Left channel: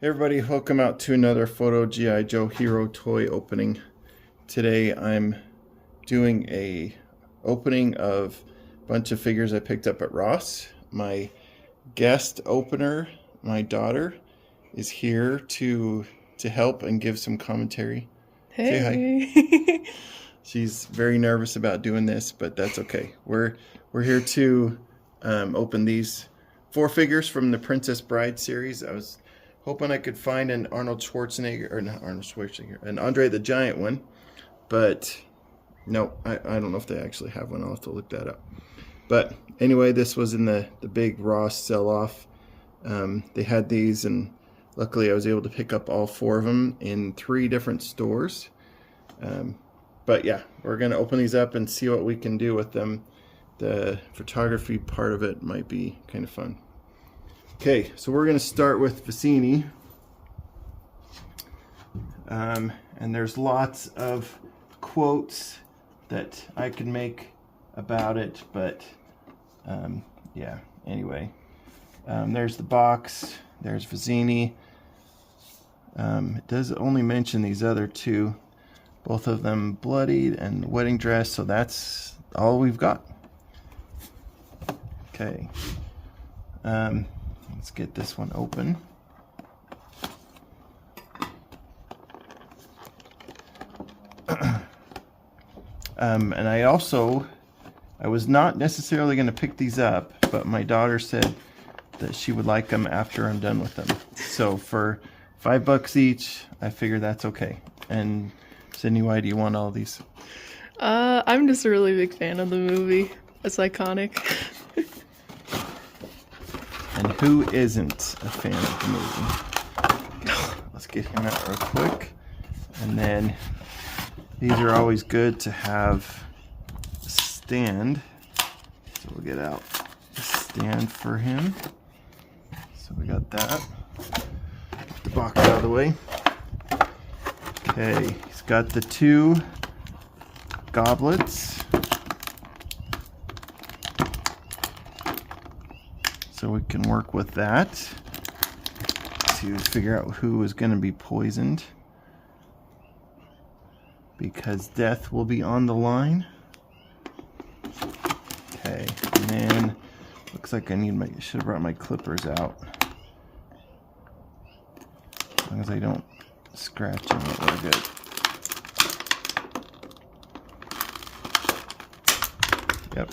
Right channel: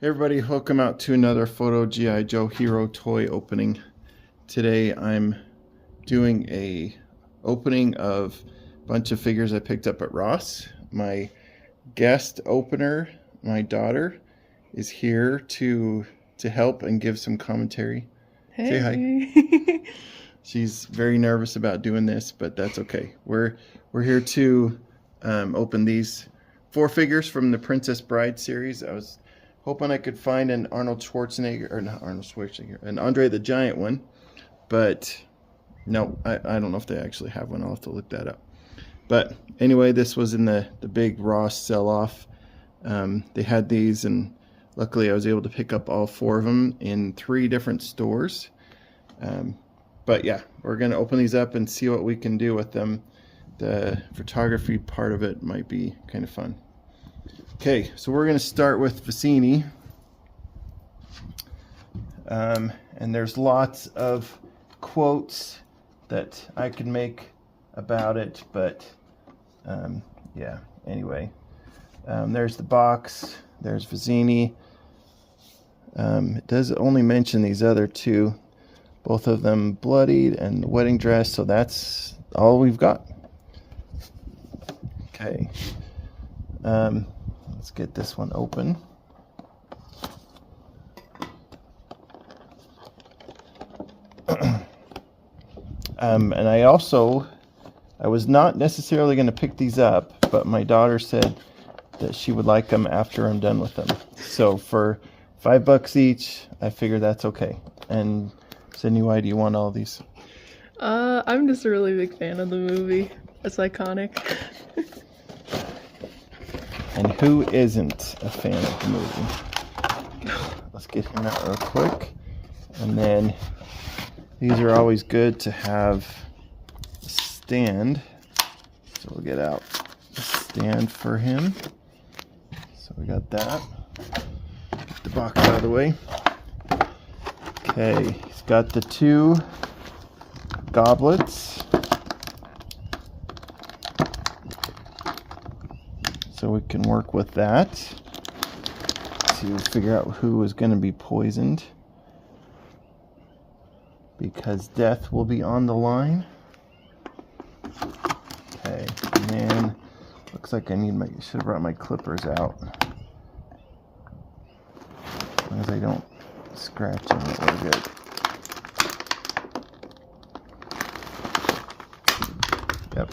Hey everybody, welcome out to another Photo G.I. Joe Hero toy opening. Today I'm doing a opening of a bunch of figures I picked up at Ross. My guest opener, my daughter, is here to help and give some commentary. Hey. Say hi. She's very nervous about doing this, but that's okay. We're here to open these 4 figures from the Princess Bride series. I was hoping I could find an Arnold Schwarzenegger, or not Arnold Schwarzenegger, an Andre the Giant one, but no, I don't know if they actually have one. I'll have to look that up. But anyway, this was in the big Ross sell-off. They had these, and luckily I was able to pick up all 4 of them in 3 different stores. But yeah, we're going to open these up and see what we can do with them. The photography part of it might be kind of fun. Okay, so we're going to start with Vicini. And there's lots of quotes that I can make about it, but yeah, anyway. There's the box, there's Vicini. It does only mention these other 2, both of them bloodied and the wedding dress, so that's all we've got. Okay. Let's get this one open. And I was not necessarily going to pick these up, but my daughter said that she would like them after I'm done with them. So for $5 each, I figure that's okay. And Sydney, why do you want all these? I'm just a really big fan of the movie. It's iconic. And who isn't a fan of the movie? Let's get him out real quick. And then these are always good to have a stand. So we'll get out a stand for him. So we got that. Get the box out of the way. Okay, he's got the 2 goblets. So we can work with that to figure out who is going to be poisoned, because death will be on the line. Okay, and then looks like I should have brought my clippers out. As long as I don't scratch them, we're good. Yep.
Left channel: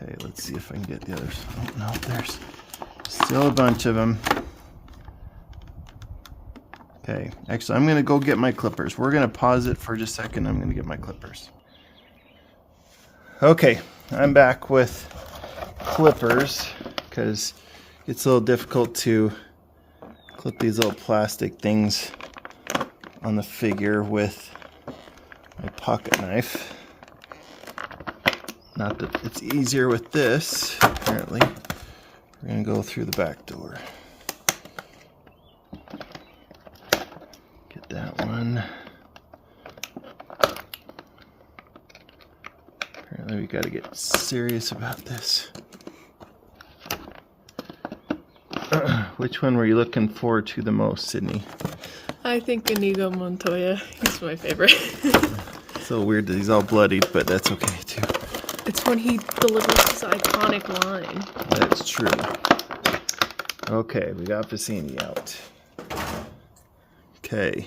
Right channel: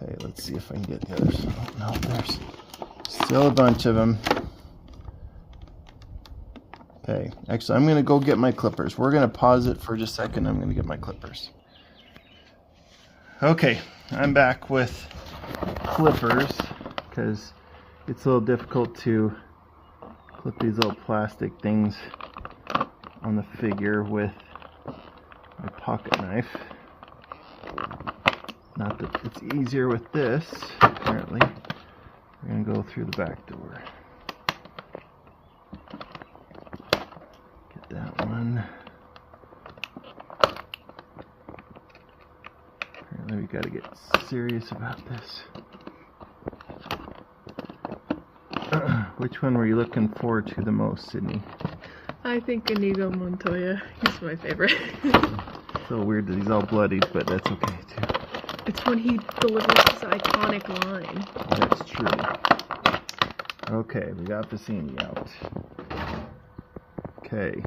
Okay, let's see if I can get the others. Oh no, there's still a bunch of them. Okay, actually I'm gonna go get my clippers. We're gonna pause it for just a second. I'm gonna get my clippers. Okay, I'm back with clippers because it's a little difficult to clip these little plastic things on the figure with my pocket knife. Not that it's easier with this, apparently. We're going to go through the back door. Get that one. Apparently we got to get serious about this. Which one were you looking forward to the most, Sydney? I think Inigo Montoya. He's my favorite. It's a little weird that he's all bloodied, but that's okay too. It's when he delivers his iconic line. That's true. Okay, we got Vicini out. Okay,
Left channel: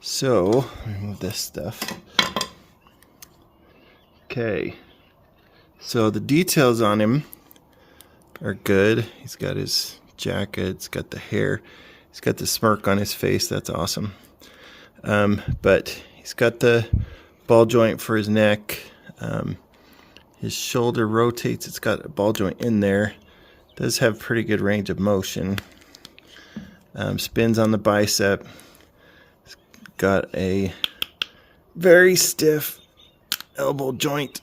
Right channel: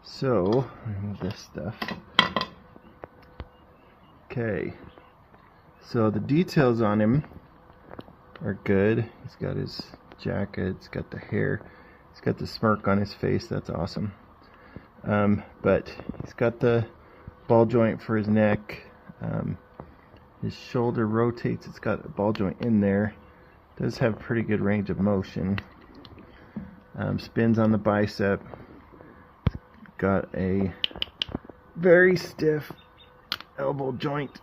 so remove this stuff. Okay, so the details on him are good. He's got his jacket, he's got the hair, he's got the smirk on his face. That's awesome. But he's got the ball joint for his neck. His shoulder rotates. It's got a ball joint in there. Does have pretty good range of motion. Spins on the bicep. It's got a very stiff elbow joint.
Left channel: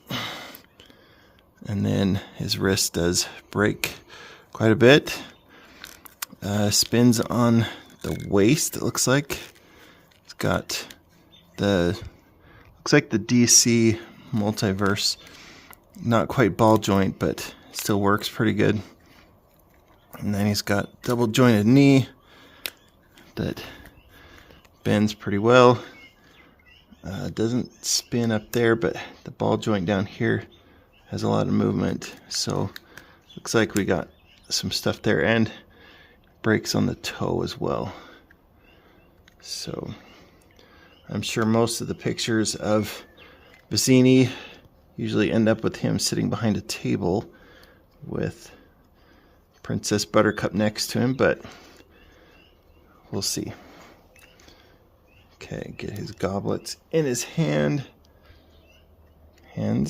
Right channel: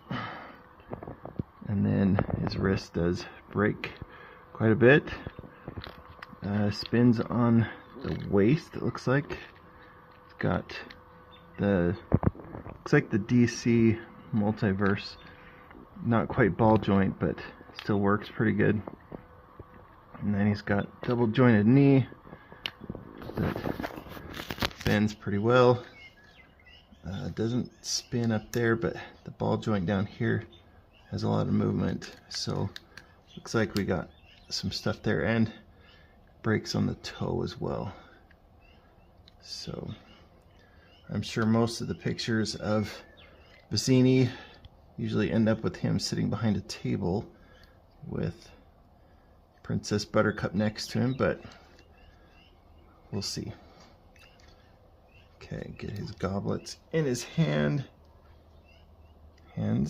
And then his wrist does break quite a bit. Spins on the waist, it looks like. It's got looks like the DC multiverse. Not quite ball joint, but still works pretty good. And then he's got double jointed knee that bends pretty well. Doesn't spin up there, but the ball joint down here has a lot of movement. So looks like we got some stuff there, and breaks on the toe as well. So I'm sure most of the pictures of Vicini usually end up with him sitting behind a table with Princess Buttercup next to him, but we'll see. Okay, get his goblets in his hands, and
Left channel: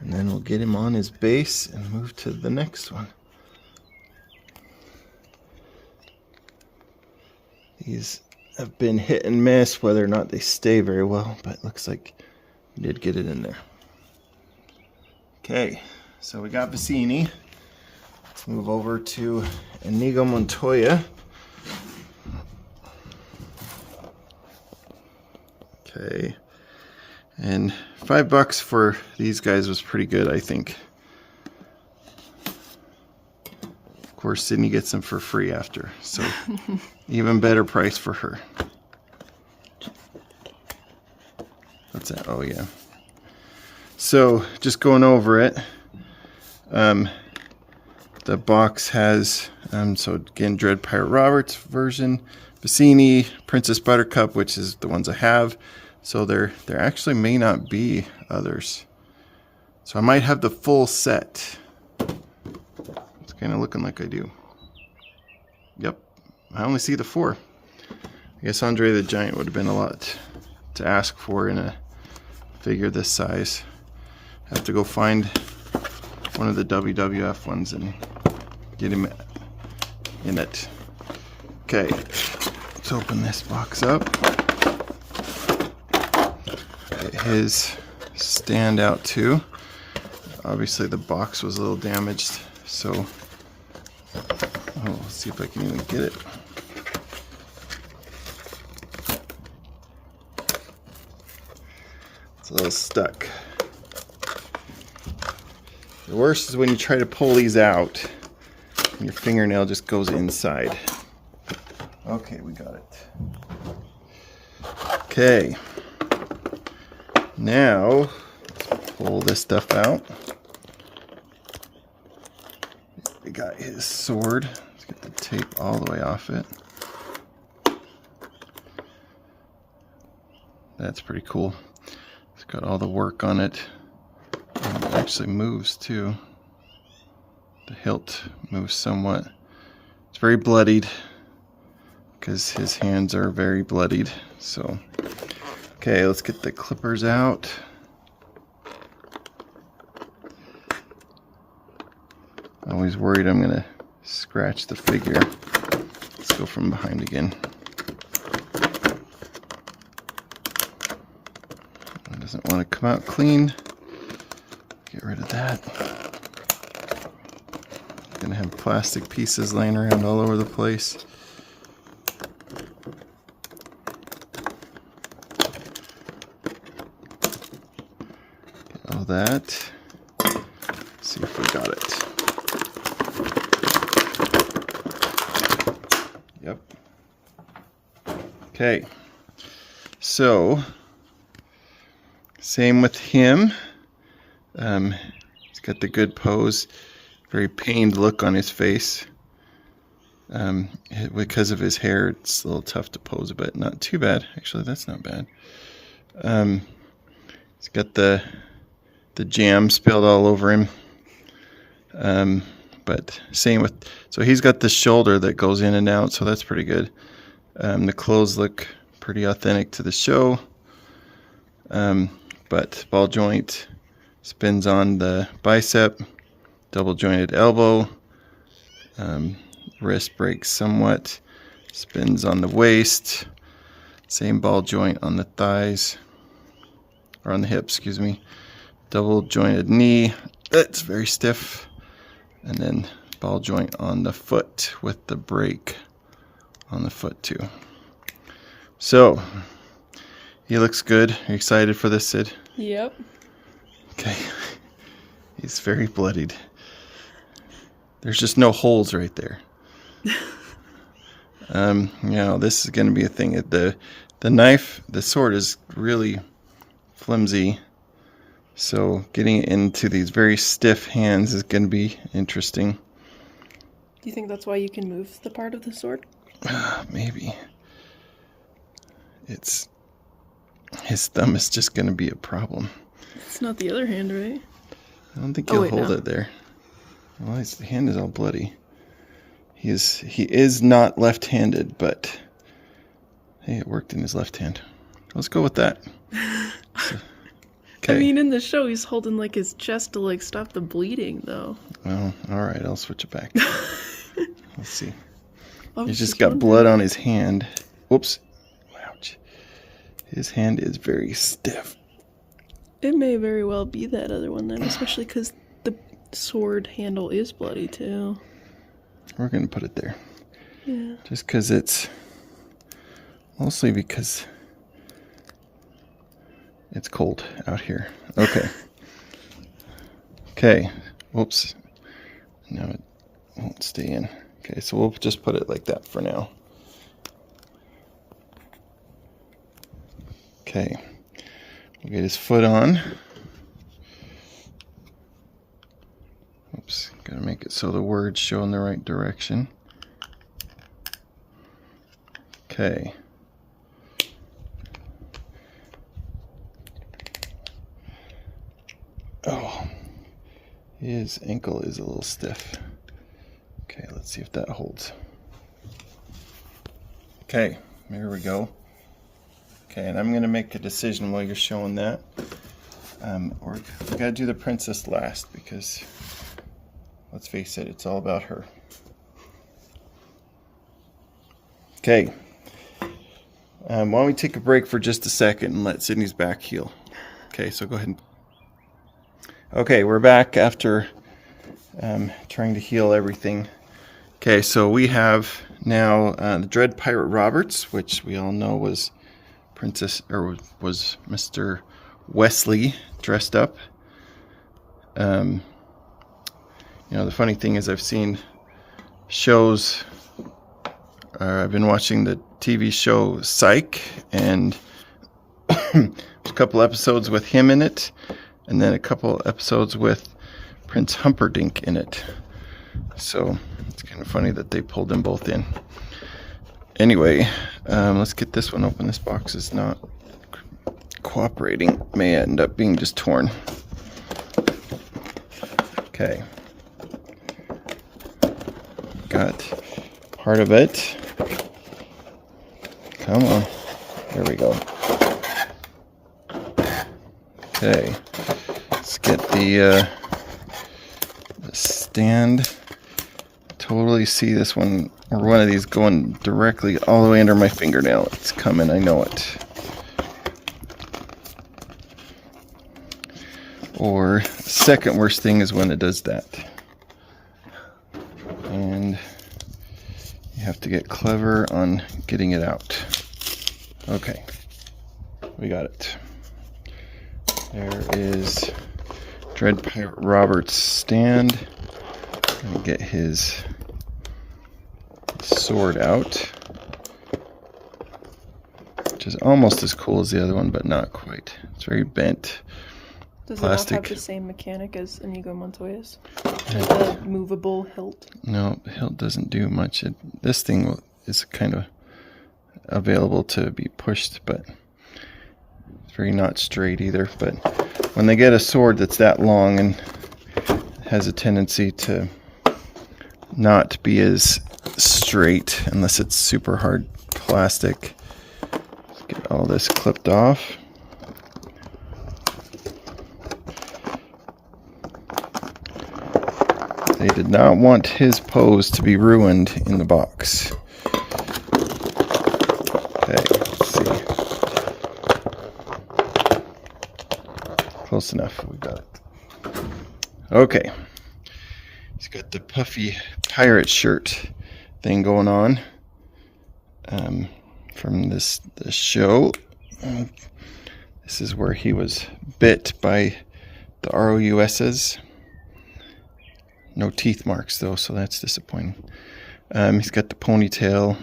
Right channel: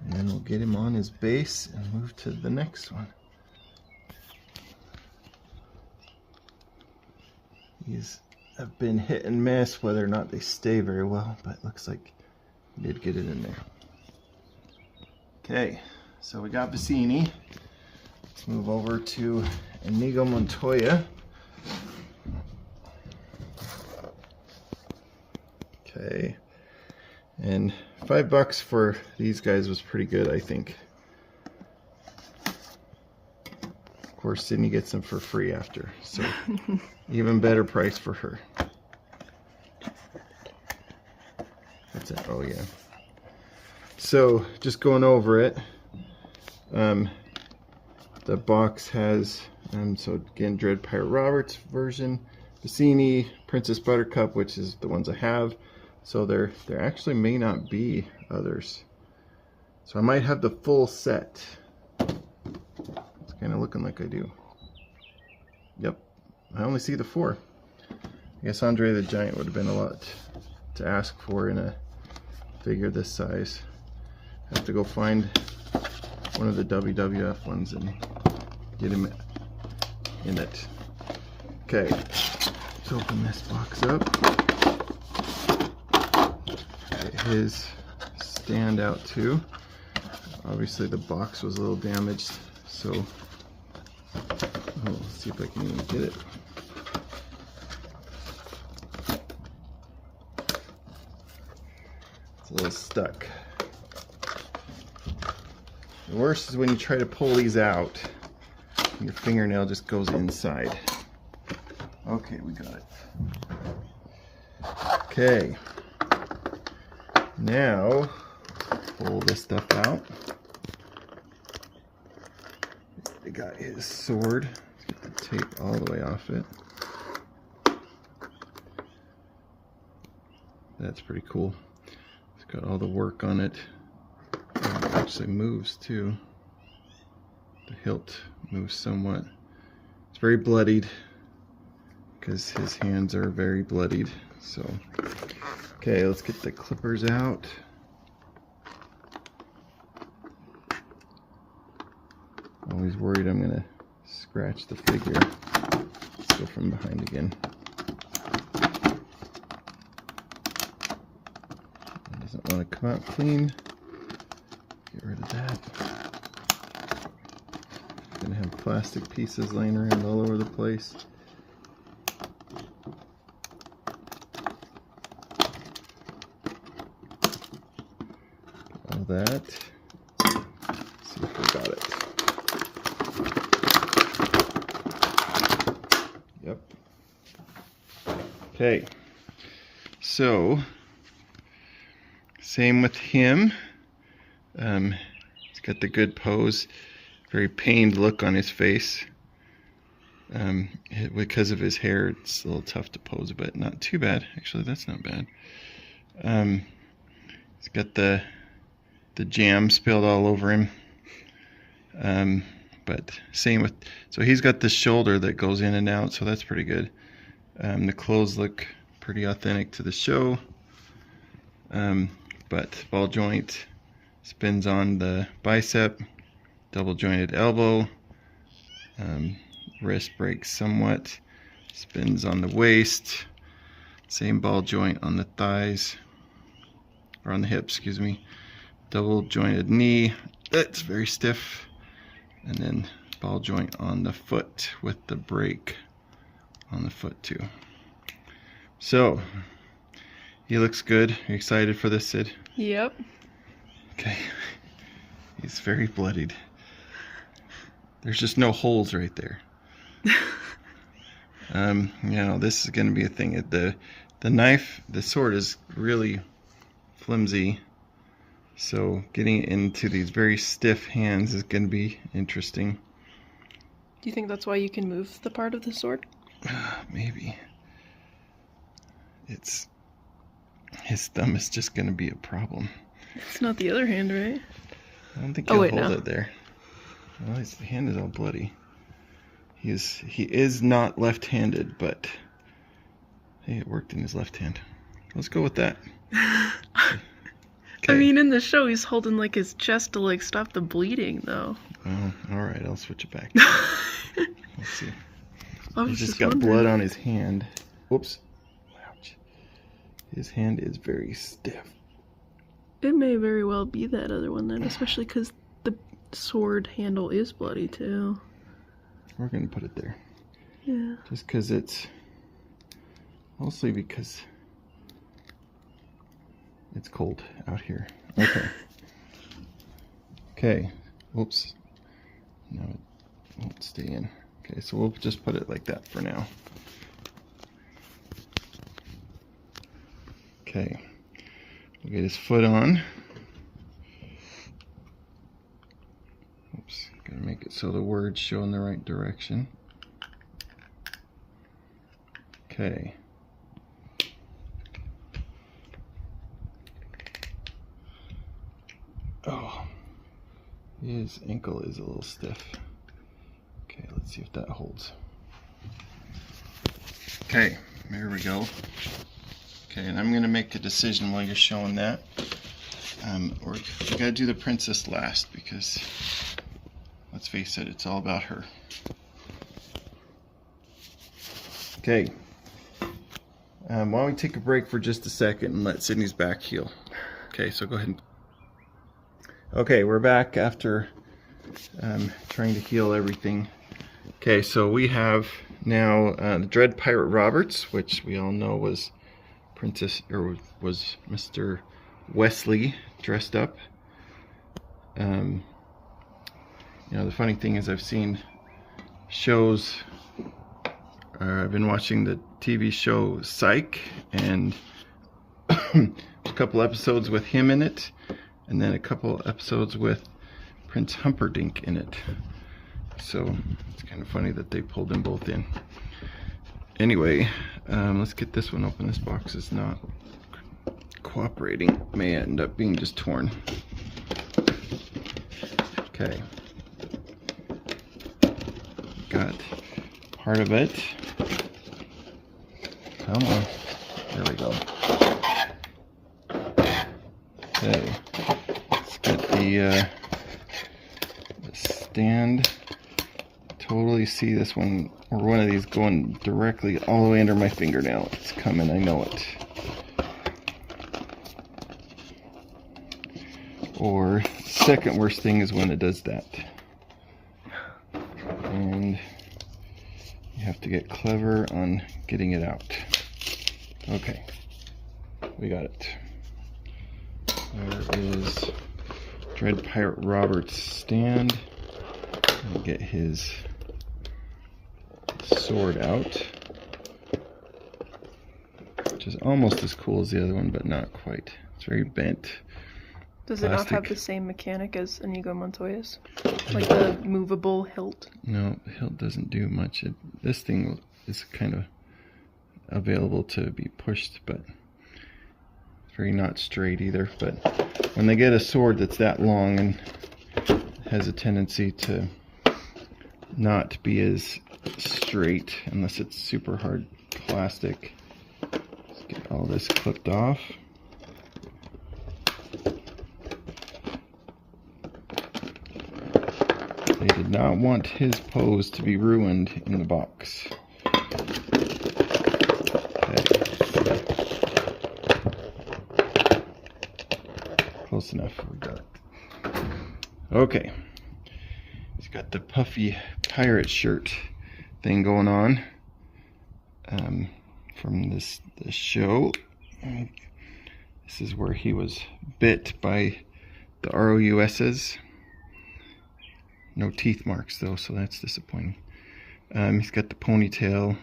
then we'll get him on his base and move to the next one. These have been hit and miss whether or not they stay very well, but it looks like we did get it in there. Okay, so we got Vicini. Let's move over to Inigo Montoya. Okay, and $5 for these guys was pretty good, I think. Of course, Sydney gets them for free after, so even better price for her. That's it. Oh yeah. So just going over it, the box has so again, Dread Pirate Roberts version, Vicini, Princess Buttercup, which is the ones I have. So there actually may not be others. So I might have the full set. It's kind of looking like I do. Yep, I only see the 4. I guess Andre the Giant would have been a lot to ask for in a figure this size. Have to go find one of the WWF ones and get him in it. Okay, let's open this box up. Get his stand out too. Obviously the box was a little damaged, so let's see if I can even get it. It's a little stuck. The worst is when you try to pull these out and your fingernail just goes inside. Okay, we got it. Okay. Now, let's pull this stuff out. We got his sword. Let's get the tape all the way off it. That's pretty cool. It's got all the work on it. It actually moves too. The hilt moves somewhat. It's very bloodied because his hands are very bloodied. So, okay, let's get the clippers out. I'm always worried I'm gonna scratch the figure. Let's go from behind again. It doesn't want to come out clean. Get rid of that. Gonna have plastic pieces laying around all over the place. Get all that. Let's see if we got it. Yep. Okay. So, same with him. He's got the good pose, very pained look on his face. Because of his hair, it's a little tough to pose, but not too bad. Actually, that's not bad. He's got the jam spilled all over him. But same with, so he's got the shoulder that goes in and out, so that's pretty good. The clothes look pretty authentic to the show. But ball joint spins on the bicep, double jointed elbow, wrist breaks somewhat, spins on the waist, same ball joint on the thighs, or on the hips, excuse me, double jointed knee, that's very stiff, and then ball joint on the foot with the break on the foot too. So, he looks good. Are you excited for this, Sid? Yep. Okay. He's very bloodied. There's just no holes right there. This is going to be a thing. The knife, the sword is really flimsy, so getting it into these very stiff hands is going to be interesting. Do you think that's why you can move the part of the sword? Maybe. His thumb is just going to be a problem. It's not the other hand, right? I don't think he'll hold it there. Well, his hand is all bloody. He is not left-handed, but hey, it worked in his left hand. Let's go with that. Okay. I mean, in the show, he's holding like his chest to like stop the bleeding, though. Oh, all right, I'll switch it back. Let's see. He's just got blood on his hand. Whoops. Ouch. His hand is very stiff. It may very well be that other one then, especially because the sword handle is bloody too. We're going to put it there. Yeah. Just because it's... Mostly because it's cold out here. Okay. Okay. Whoops. No, it won't stay in. Okay, so we'll just put it like that for now. Okay. We'll get his foot on. Oops, gotta make it so the words show in the right direction. Okay. Oh, his ankle is a little stiff. Okay, let's see if that holds. Okay, there we go. Okay, and I'm going to make a decision while you're showing that. We got to do the princess last because, let's face it, it's all about her. Okay. Why don't we take a break for just a second and let Sydney's back heal. Okay, so go ahead. Okay, we're back after trying to heal everything. Okay, so we have now the Dread Pirate Roberts, which we all know was was Mr. Wesley dressed up. The funny thing is I've seen shows. I've been watching the TV show Psych, and a couple episodes with him in it, and then a couple episodes with Prince Humperdinck in it. So it's kind of funny that they pulled them both in. Anyway, let's get this one open. This box is not cooperating. May end up being just torn. Okay. Got part of it. Come on. There we go. Okay. Let's get the stand. Totally see this one, or one of these, going directly all the way under my fingernail. It's coming, I know it. Or second worst thing is when it does that. And you have to get clever on getting it out. Okay, we got it. There is Dread Pirate Roberts' stand. Let me get his sword out, which is almost as cool as the other one, but not quite. It's very bent. Does plastic. it not have the same mechanic as Inigo Montoya's? Like the movable hilt? No, the hilt doesn't do much. This thing is kind of available to be pushed, but it's very not straight either. But when they get a sword that's that long and has a tendency to not be as straight unless it's super hard plastic. Let's get all this clipped off. They did not want his pose to be ruined in the box. Okay, let's see. Close enough, we got it. Okay. He's got the puffy pirate shirt thing going on from this show. This is where he was bit by the ROUSs. No teeth marks though, so that's disappointing. He's got the ponytail,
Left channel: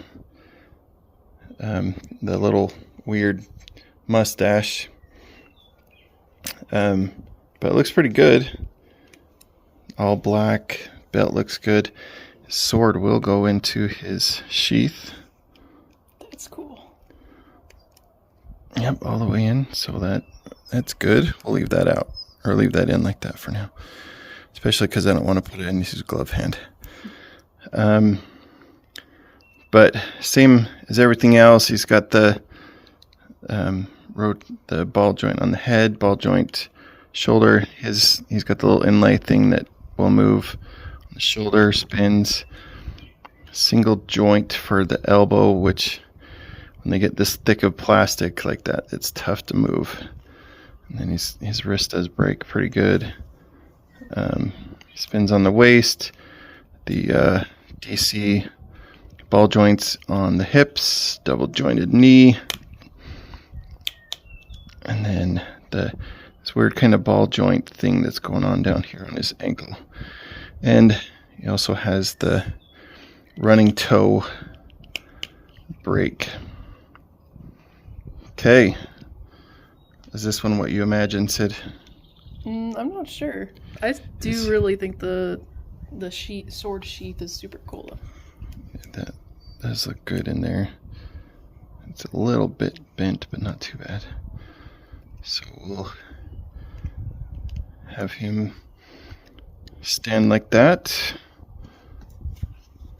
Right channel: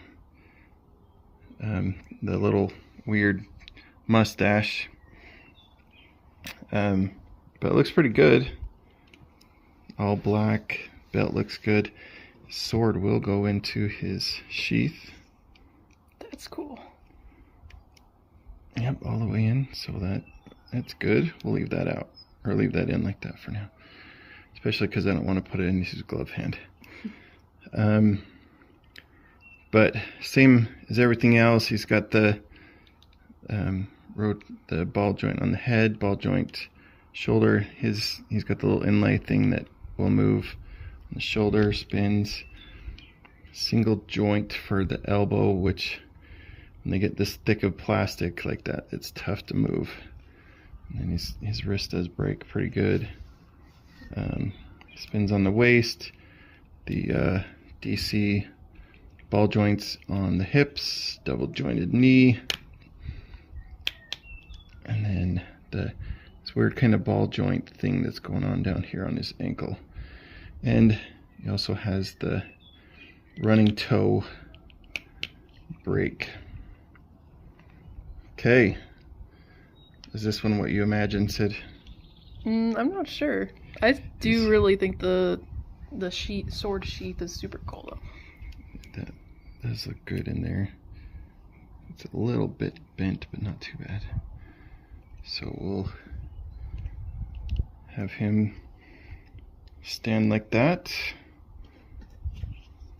the little weird mustache, but it looks pretty good. All black, belt looks good. His sword will go into his sheath. That's cool. Yep, all the way in, so that's good. We'll leave that out, or leave that in like that for now. Especially because I don't want to put it in his glove hand. But same as everything else, he's got the ball joint on the head, ball joint shoulder. He's got the little inlay thing that will move on the shoulder, spins. Single joint for the elbow, which when they get this thick of plastic like that, it's tough to move. And then his wrist does break pretty good. Spins on the waist, the DC ball joints on the hips, double jointed knee, and then this weird kind of ball joint thing that's going on down here on his ankle. And he also has the running toe break. Okay. Is this one what you imagined, Sid? I'm not sure. I do really think the sword sheath is super cool though. That does look good in there. It's a little bit bent, but not too bad. So we'll have him stand like that.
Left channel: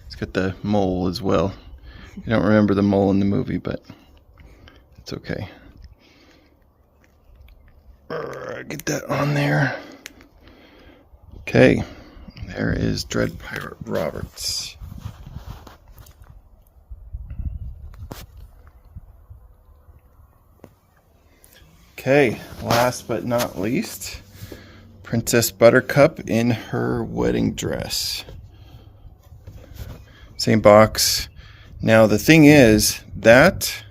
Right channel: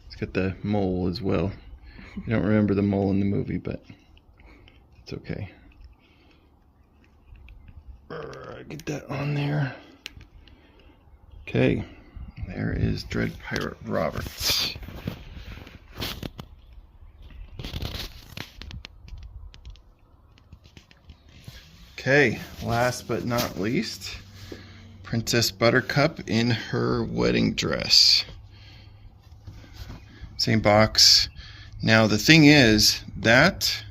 He's got the mole as well. You don't remember the mole in the movie, but it's okay. Get that on there. Okay, there is Dread Pirate Roberts. Okay, last but not least, Princess Buttercup in her wedding dress. Same box. Now the thing is, that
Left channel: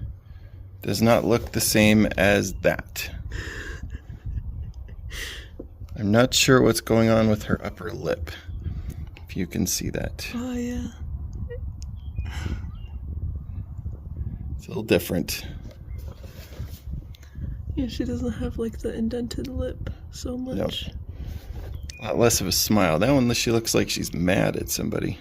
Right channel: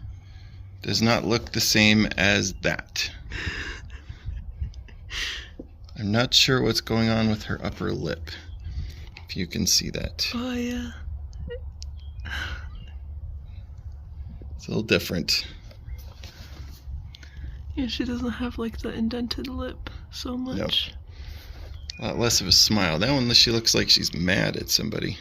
does not look the same as that. I'm not sure what's going on with her upper lip, if you can see that. Oh yeah. It's a little different. Yeah, she doesn't have like the indented lip so much. Nope. A lot less of a smile. That one, she looks like she's mad at somebody.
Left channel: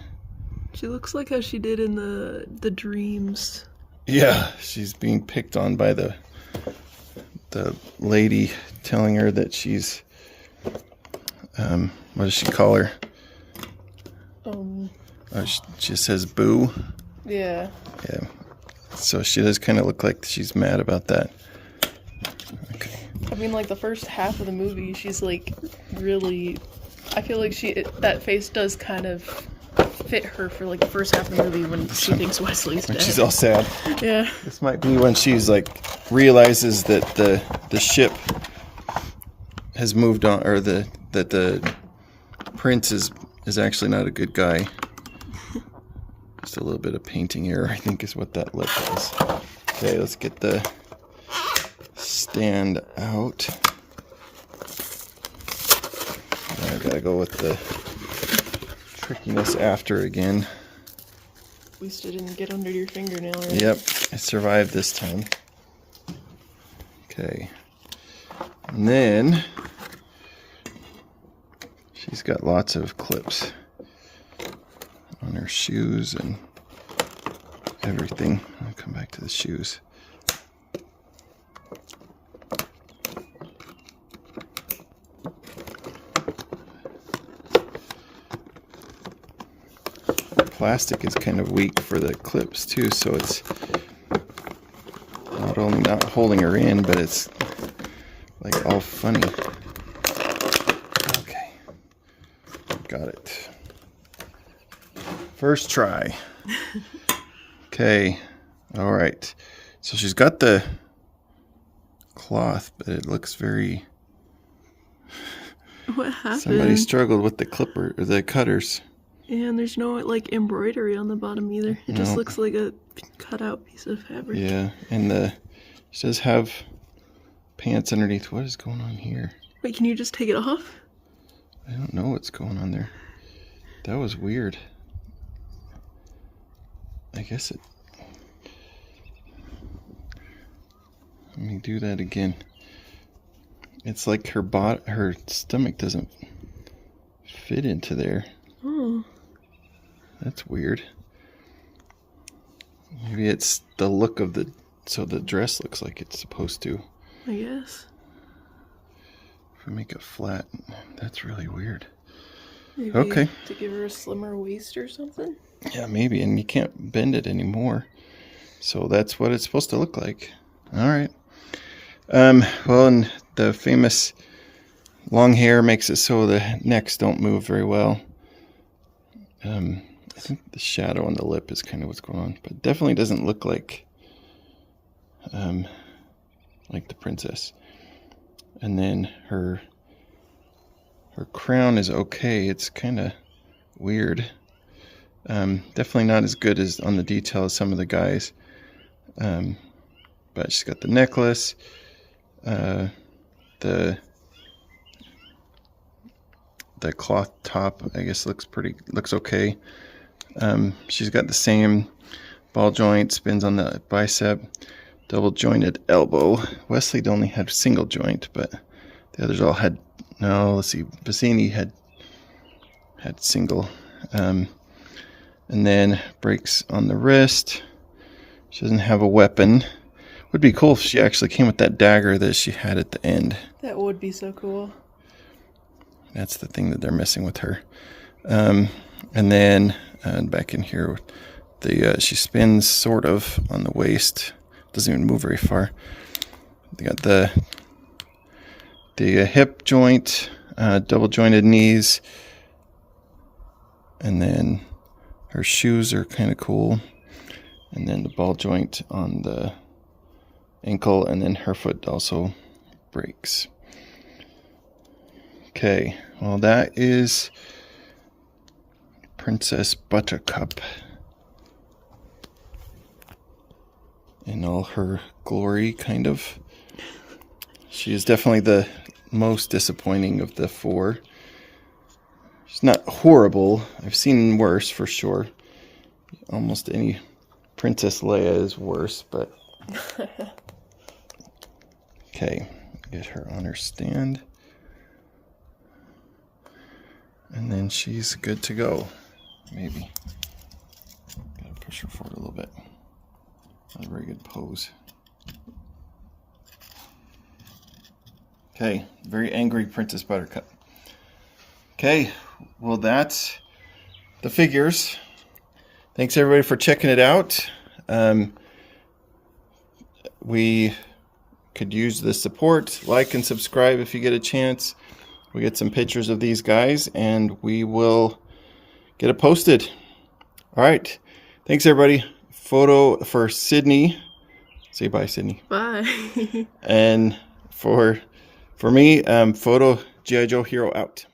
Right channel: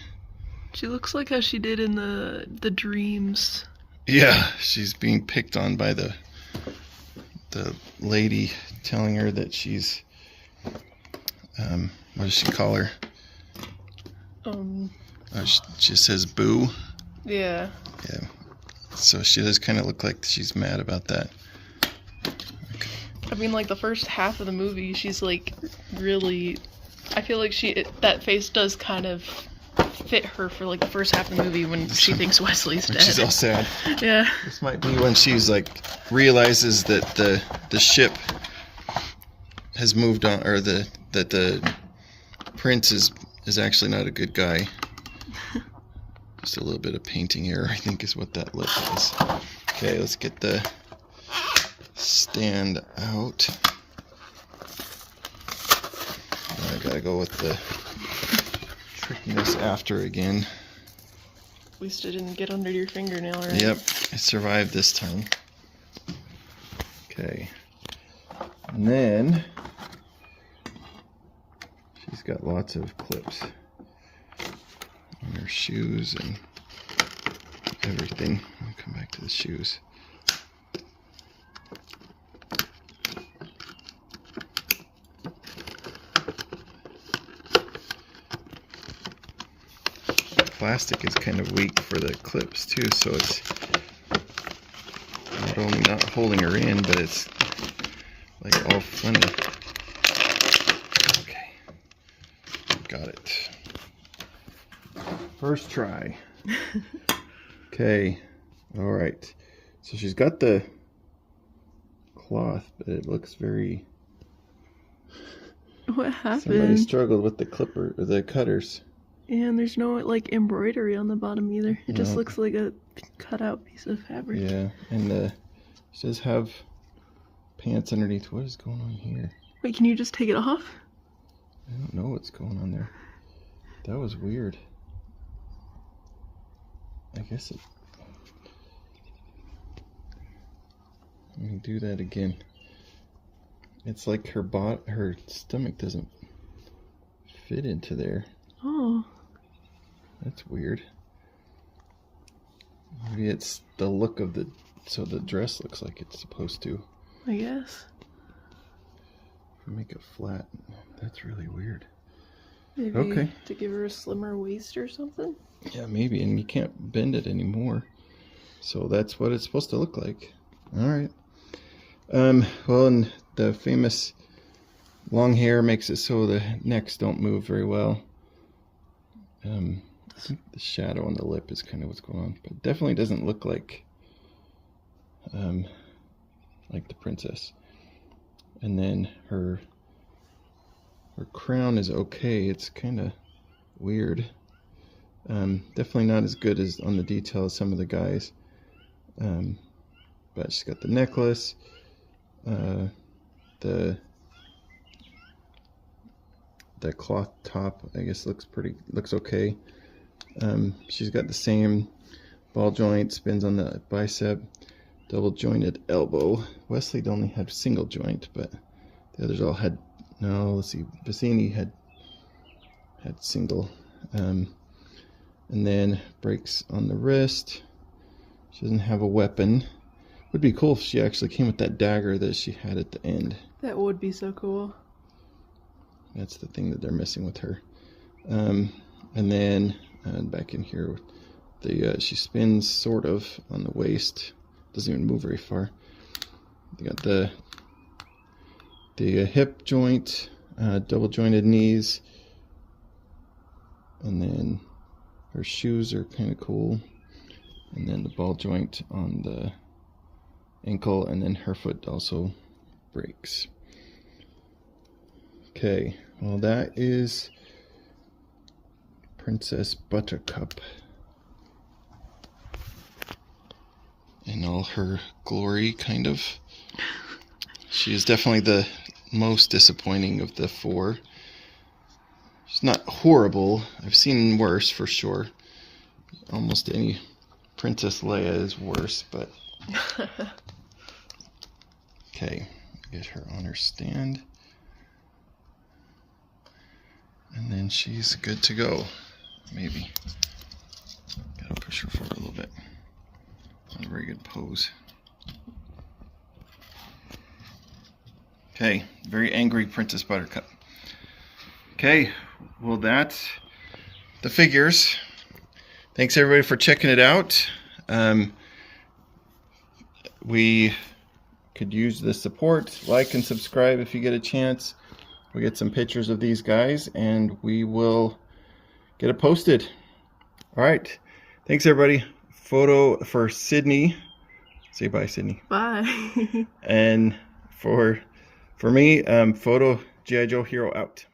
She looks like how she did in the dreams. Yeah, she's being picked on by the lady telling her that she's what does she call her? She says boo. Yeah. Yeah. So she does kind of look like she's mad about that. Okay. I mean, like the first half of the movie, she's like really. I feel like that face does kind of fit her for like the first half of the movie when she thinks Wesley's dead. She's all sad. Yeah. This might be when she's like realizes that the ship has moved on, or that the prince is actually not a good guy. Just a little bit of painting error, I think, is what that lip is. Okay, let's get the stand out. I gotta go with the trickiness after again. At least it didn't get under your fingernail, right? Yep, I survived this time. Okay. And then she's got lots of clips on her shoes and everything. I'll come back to the shoes. Plastic is kind of weak for the clips too, so it's not only not holding her in, but it's like all funny. Okay, got it. First try. Okay, all right. So she's got the cloth, but it looks very. What happened? Somebody struggled with the clipper or the cutters. And there's no like embroidery on the bottom either. It just looks like a cut out piece of fabric. Yeah, and she does have pants underneath. What is going on here? Wait, can you just take it off? I don't know what's going on there. That was weird. I guess it... Let me do that again. It's like her stomach doesn't fit into there. Oh. That's weird. Maybe it's the look of so the dress looks like it's supposed to. I guess. If we make it flat, that's really weird. Maybe okay. To give her a slimmer waist or something? Yeah, maybe. And you can't bend it anymore. So that's what it's supposed to look like. All right. Well, and the famous long hair makes it so the necks don't move very well. I think the shadow on the lip is kind of what's going on, but definitely doesn't look like the princess. And then her crown is okay. It's kind of weird. Definitely not as good as on the detail as some of the guys. But she's got the necklace. The cloth top, I guess, looks okay. She's got the same ball joint, spins on the bicep, double jointed elbow. Wesley only had single joint, but the others all had, no, let's see, Bassini had single. And then breaks on the wrist. She doesn't have a weapon. Would be cool if she actually came with that dagger that she had at the end. That would be so cool. That's the thing that they're missing with her. And then back in here, she spins sort of on the waist. Doesn't even move very far. They got the hip joint, double jointed knees, and then her shoes are kind of cool. And then the ball joint on the ankle, and then her foot also breaks. Okay, well, that is Princess Buttercup in all her glory, kind of. She is definitely the most disappointing of the four. She's not horrible. I've seen worse for sure. Almost any Princess Leia is worse, but... Okay, get her on her stand. And then she's good to go. Maybe. Gotta push her forward a little bit. Not a very good pose. Okay, very angry Princess Buttercup. Okay, well, that's the figures. Thanks everybody for checking it out. We could use the support. Like and subscribe if you get a chance. We get some pictures of these guys and we will get it posted. All right. Thanks everybody. Photo for Sydney. Say bye, Sydney. Bye. And for me, photo G.I. Joe Hero out.